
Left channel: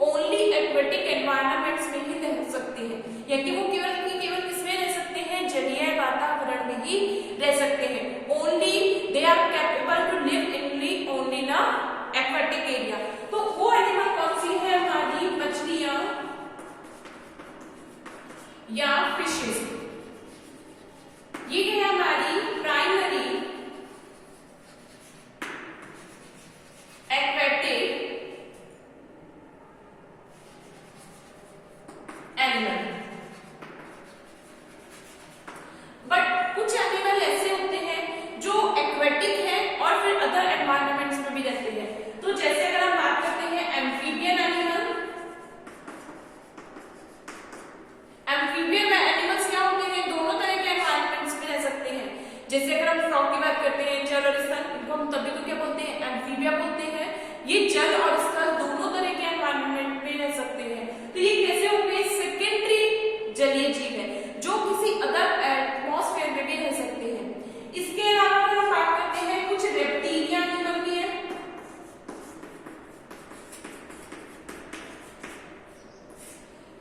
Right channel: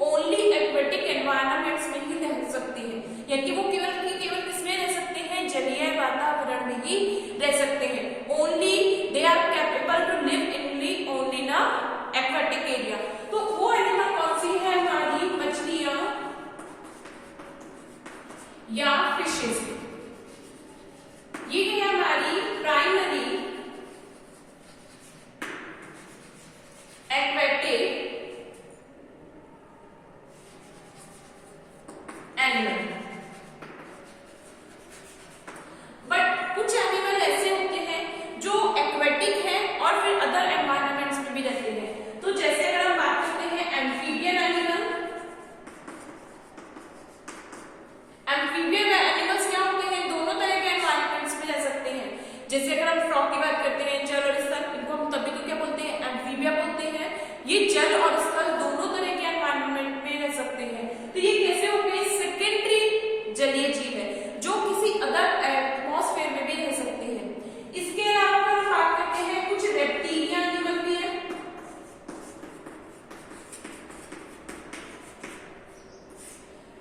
ओनली एक्वेटिक एनवायरनमेंट्स में ही रह सकते हैं, यानी वो केवल किसमें रह सकते हैं, जलीय वातावरण में ही रह सकते हैं। Only they are capable to live in only in aquatic area. तो वो एनिमल कौन सी है हमारी, या फिशेस। ये है हमारी प्राइमरी एक्वेटिक एनिमल। बट कुछ एनिमल ऐसे होते हैं जो एक्वेटिक है और फिर अदर एनवायरमेंट्स में भी रहते हैं। तो जैसे अगर हम बात करते हैं एम्फीबियन एनिमल, एम्फीबियन एनिमल्स क्या होते हैं, दोनों तरह के एनवायरमेंट्स में रह सकते हैं। जैसे अगर हम फ्रॉग की बात करते हैं, जल और स्थल, इनको हम तभी तो क्या बोलते हैं, एम्फीबिया बोलते हैं। ये जल और स्थल दोनों तरह के एनवायरमेंट में रह सकते हैं। तो ये कैसे हो गए, सेकेंडरी जलीय जीव है जो किसी अदर एटमॉस्फेयर में भी रह सकते हैं। इसके अलावा अगर हम बात करते हैं कुछ रेप्टिलियन एनिमल भी है।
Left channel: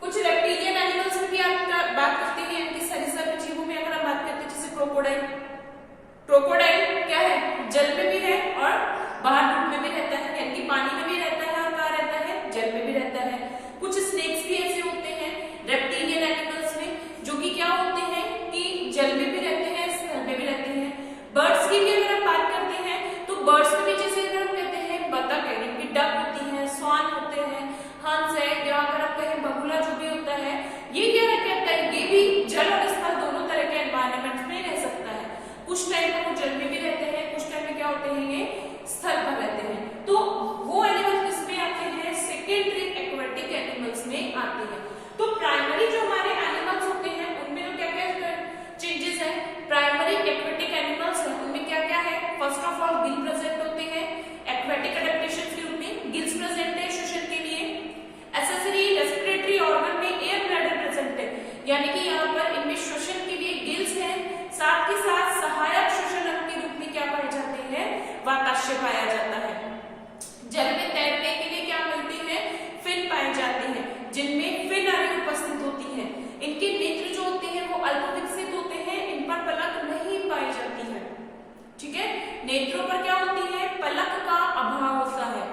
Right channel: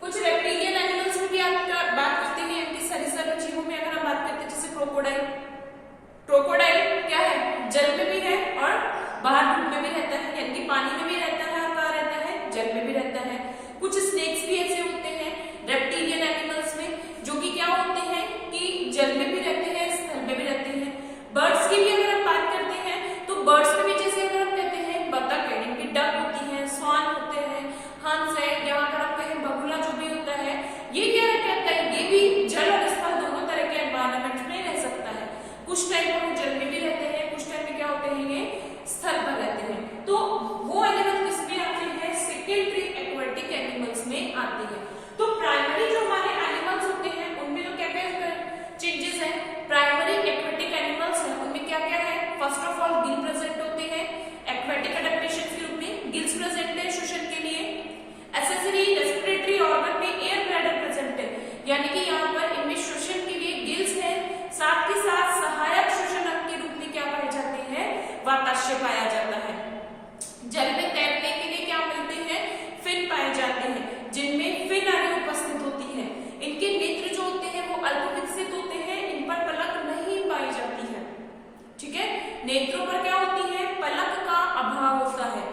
कुछ रेप्टिलियन एनिमल्स में भी आप बात करते हैं। इनके सरीसृप जीवों में अगर हम बात करते हैं जैसे क्रोकोडाइल। क्रोकोडाइल क्या है, जल में भी है और बाहर धूप में भी रहता है, यानी कि पानी में भी रहता है और कहाँ रहता है, जल में भी रहता है। कुछ स्नेक्स भी ऐसे होते हैं रेप्टिलियन एनिमल्स में जो कि क्या होते हैं कि जल में भी रहते हैं, स्थल में भी रहते हैं। बर्ड्स की भी अगर हम बात करते हैं तो बर्ड्स में भी जैसे अगर हम कहते हैं बतख है, इनकी डक होती है, स्वान होते हैं, हंस है, या अगर आप कहें बगुला जो भी होता है, ये क्या कहता है, ये भी जल और स्थल दोनों तरह के एनवायरमेंट में रह सकता है। कुछ टाइम में वो जल में भी रहते हैं, कुछ टाइम में क्या होते हैं, ये स्थल पर रहते हैं। तो वो एनिमल किसमें आते हैं, सेकेंडरी एक्वेटिक एनिमल्स में आते हैं। तो प्राइमरी जो हमारे एनिमल्स होते हैं उनमें तो क्या क्या चेंजेस है, प्राइमरी एक्वेटिक एनिमल्स है उनमें क्या क्या है, first of all Gill present होते हैं, एक्वेटिक एडेप्टेशन के रूप में गिल्स प्रेजेंट है श्वसन के लिए। एक्सेसरी रेस्पिरेटरी ऑर्गन में एयर ब्लैडर प्रेजेंट है, यानी कि यहाँ पर इनमें श्वसन के लिए गिल्स है, साथ ही साथ सहायक श्वसन अंग के रूप में क्या पाए जाते हैं, वाताश्य पाया जाता है। जल में तैरने के लिए क्या मिलते हैं, फिन पाए जाते हैं, जिनमें फिन आदि उपस्थित होती है। इनके नेत्र जो होते हैं वो अल्प विकसित होते हैं, इन पर पलक नहीं पाई जाती है। ठीक है, नेत्रों पर क्या होती है, पलक का अभाव होता है।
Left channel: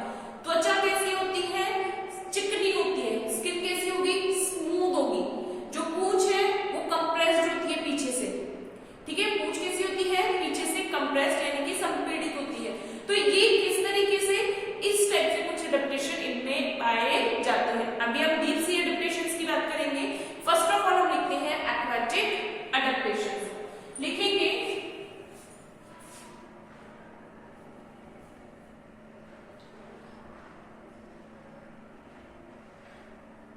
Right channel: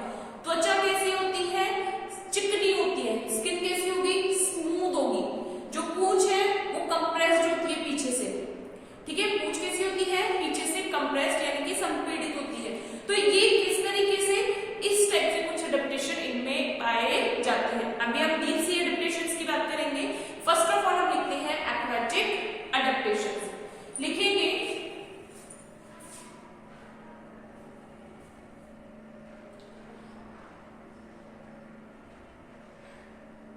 त्वचा कैसी होती है, चिकनी होती है। स्किन कैसी होगी, स्मूथ होगी। जो पूंछ है वो कंप्रेस्ड होती है पीछे से। ठीक है, पूंछ कैसी होती है, पीछे से कंप्रेस्ड यानी कि संपीड़ित होती है। तो ये किस तरीके से, इस टाइप से कुछ एडेप्टेशन इनमें पाए जाते हैं। अभी हम 3 सी एडेप्टेशंस की बात करेंगे। फर्स्ट ऑफ ऑल हम लिखते हैं एक्वेटिक एडेप्टेशन, लिखेंगे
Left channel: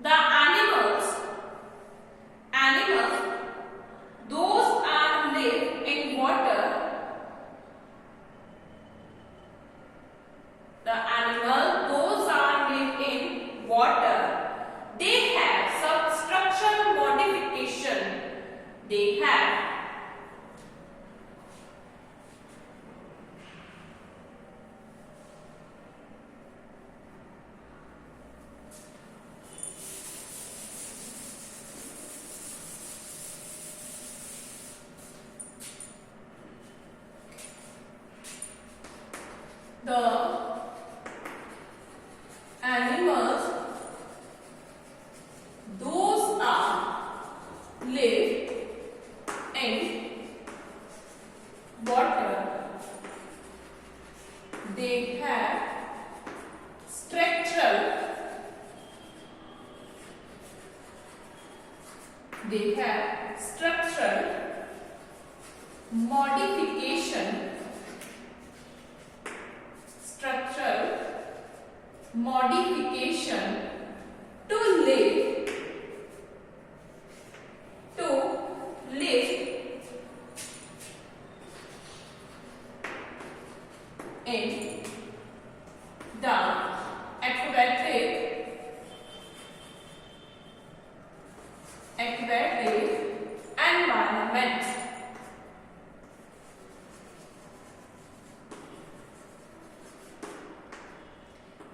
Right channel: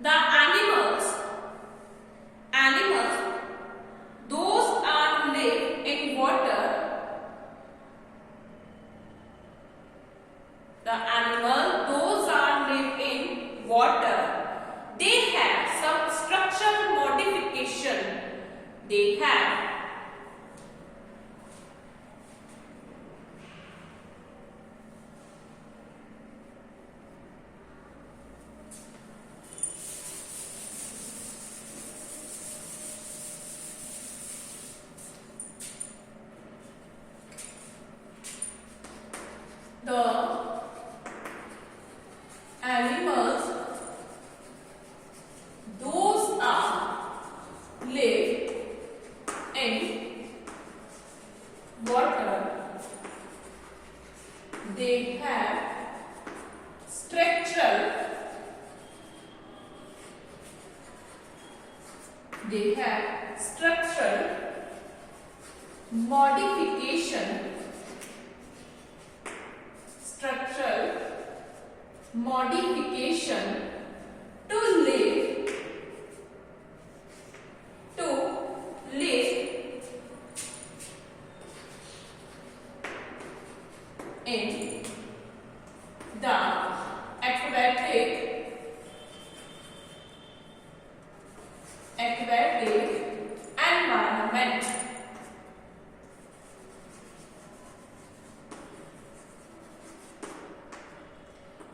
the animals those are live in water, the animal those are live in water, they have some structural modification, they have the animals those are live in water, they have structural modification to live in the aquatic environment.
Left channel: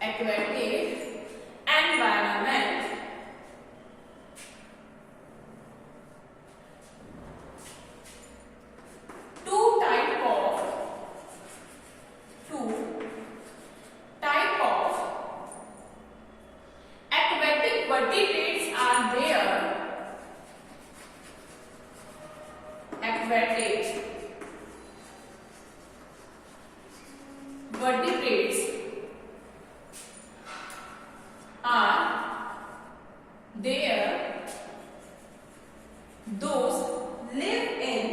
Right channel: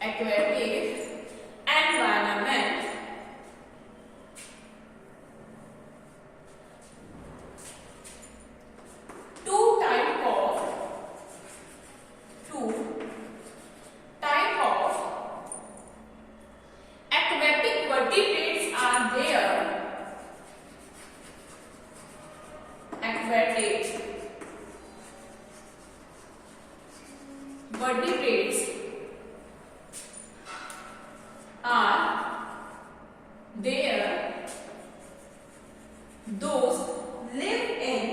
Aquatic environment. Two type of aquatic vertebrates are there. aquatic vertebrates are there. Those live in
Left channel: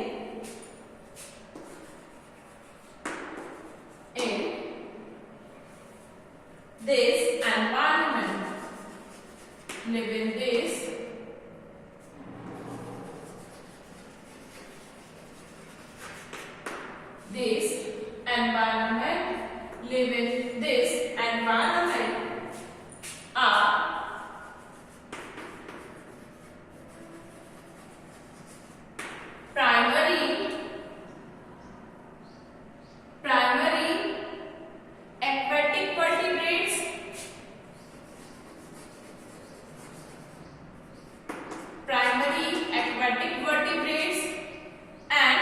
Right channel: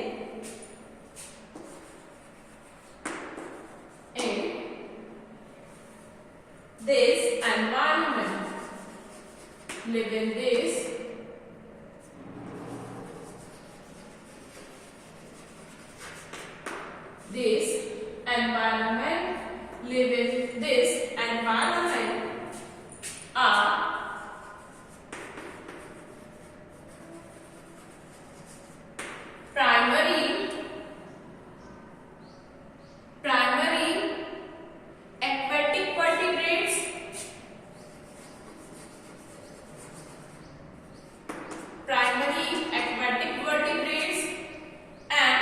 this environment. Live in this environment. Live in this environment are primary aquatic vertebrates, and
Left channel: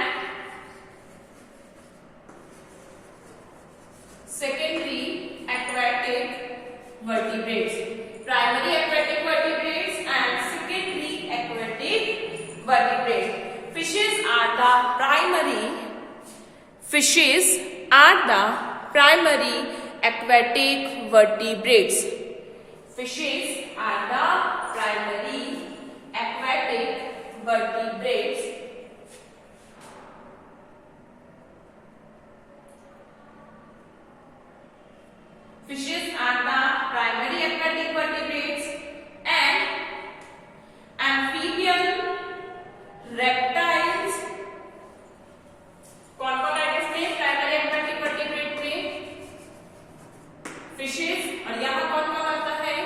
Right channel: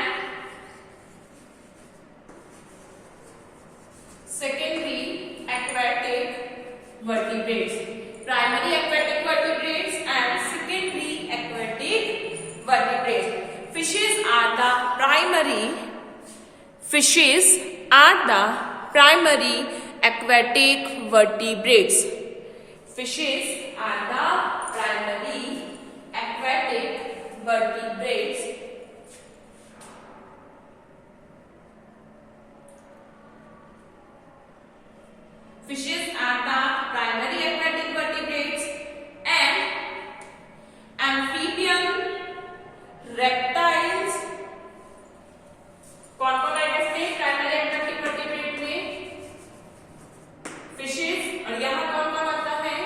secondary aquatic vertebrates. Primary aquatic vertebrates and secondary aquatic vertebrates. Fishes are the primary aquatic vertebrates. Fishes are the primary aquatic vertebrates. Fishes are the primary aquatic vertebrates, and amphibian, reptiles. कौन कौन आएगा इसमें primary aquatic vertebrate में? Fishes. और यहाँ कौन कौन आता है?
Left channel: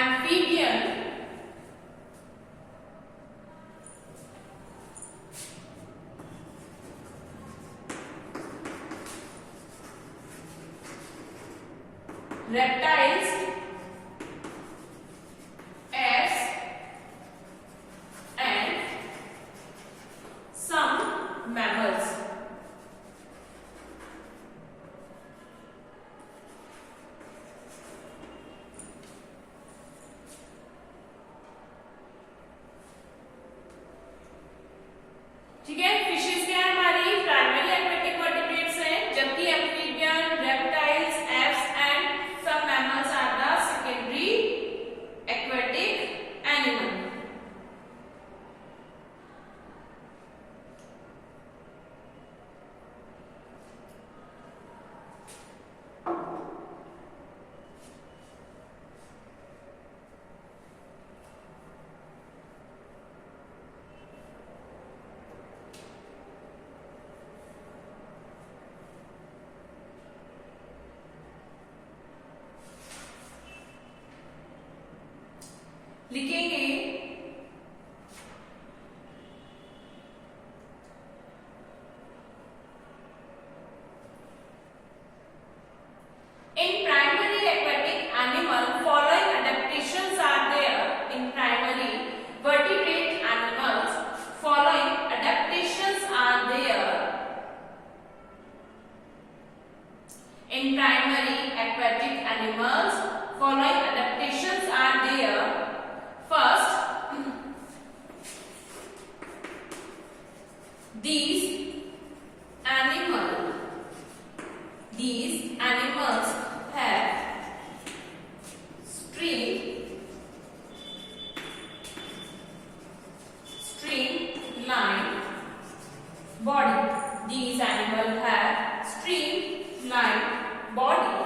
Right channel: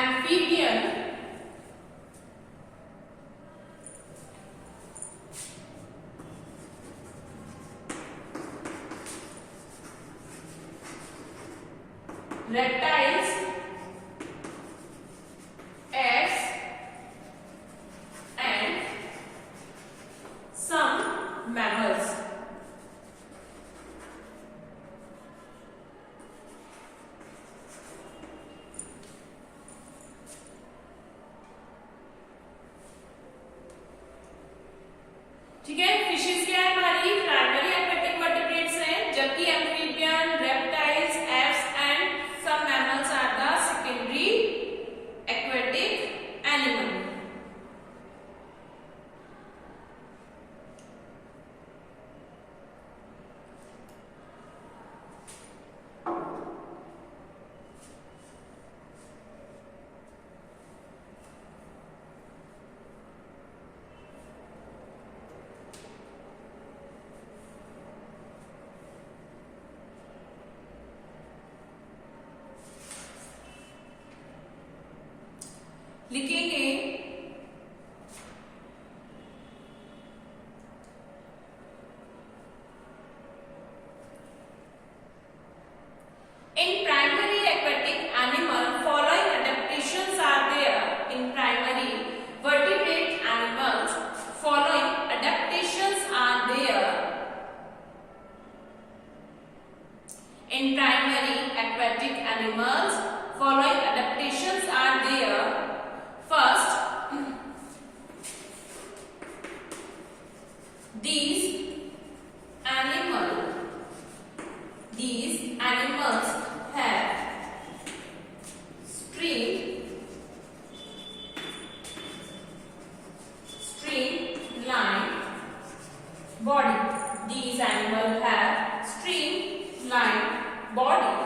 Amphibian, reptiles, eggs, and some mammals. ठीक है, फिशेस क्या है हमारी? प्राइमरी एक्वाटिक वर्टिब्रेट्स हैं, जबकि एम्फीबियन, रेप्टाइल्स, एप्स एंड सब mammals are the secondary aquatic animal. लिखेंगे in primary aquatic animal following adaptations are there. In primary vertebrate animals following adaptations are there. In primary aquatic animals following adaptations are there. First, these animals have streamlined body. These animals have streamlined body.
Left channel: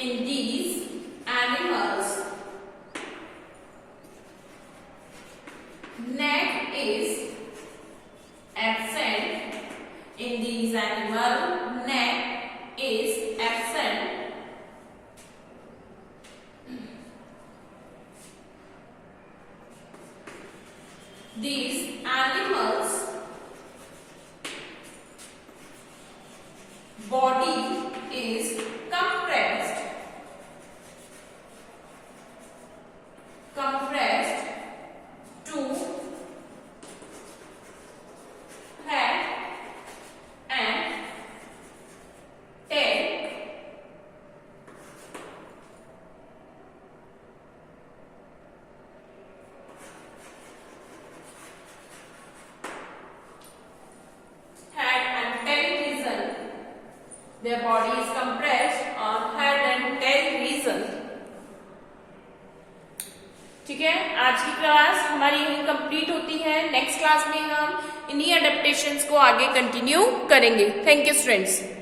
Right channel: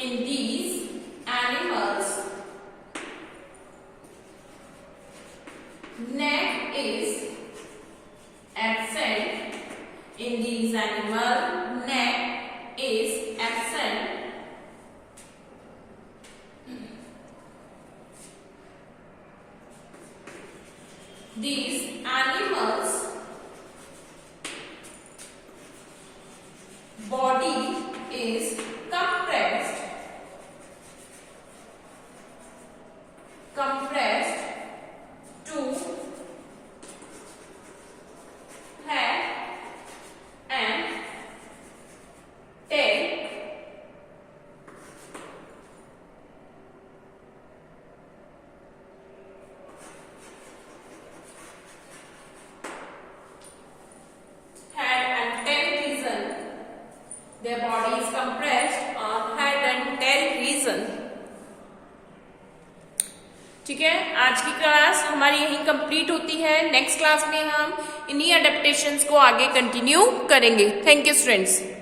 In these animals, neck is absent. In these animals, neck is absent. These animals' body is compressed to head class हमारी यहीं complete होती है। Next class में हम इन्हीं adaptations को आगे continue करेंगे। Thank you students.